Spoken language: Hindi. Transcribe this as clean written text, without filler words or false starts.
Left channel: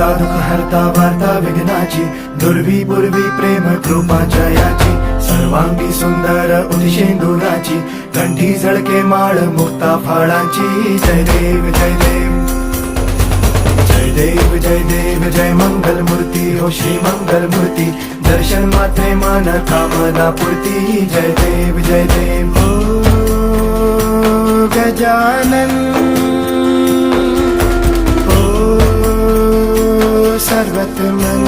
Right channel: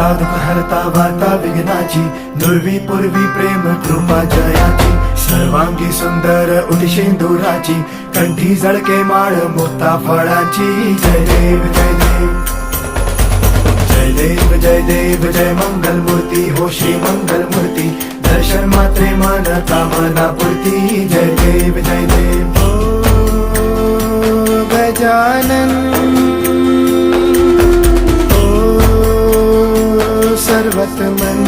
दाता दुःख हरता वार्ता विघ्नाची, दुर्वी पूर्वी प्रेम कृपा जयाची, सर्वांगी सुंदर उदिशेंदुराची, कंठी झळके माळ मुक्ता फळाची. जय देव जय देव जय देव जय देव जय मंगल मूर्ती हो श्री मंगल मूर्ती, दर्शन मात्रे मन कामना पूर्ती. जय देव जय देव ओ गजानन ओ सर्वतमन.